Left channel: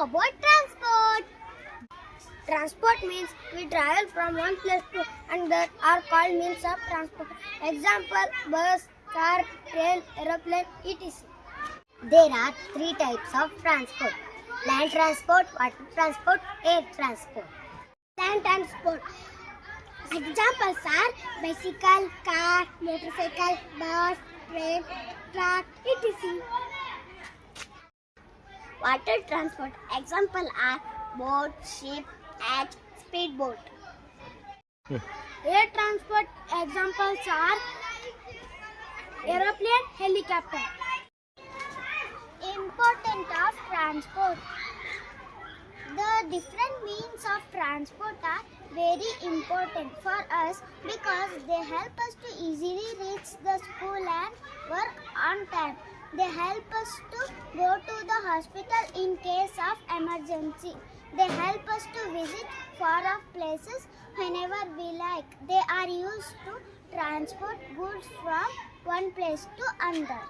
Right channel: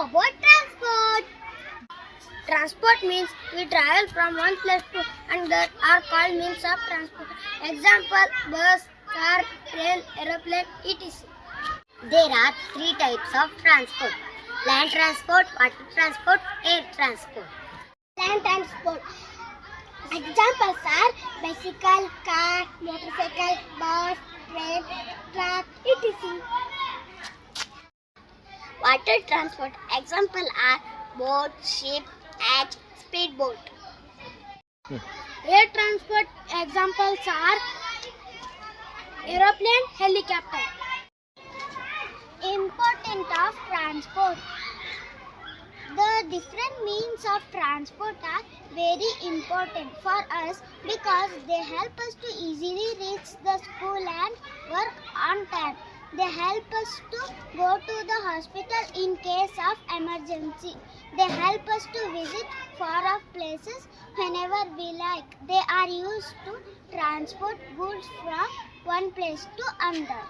How about transport? Transport means we travel from one place to another are called means of transport. Example, bus, car, train, aeroplane, etc. There are three types of transport: land transport, water transport, air transport. Land transport. Examples are bicycle, car, motorcycle, bus, train, truck, etc. Water transport. Example are boat, ship, yacht, speedboat. Air transport. Examples are aeroplane, helicopter. Importance of transport. The different means of transport are very important for us because they help us to easily reach the school and work on time. They help us to go to the hospital in case of emergency. They help us to visit far off places whenever we like. They are used to transport goods from one place to another.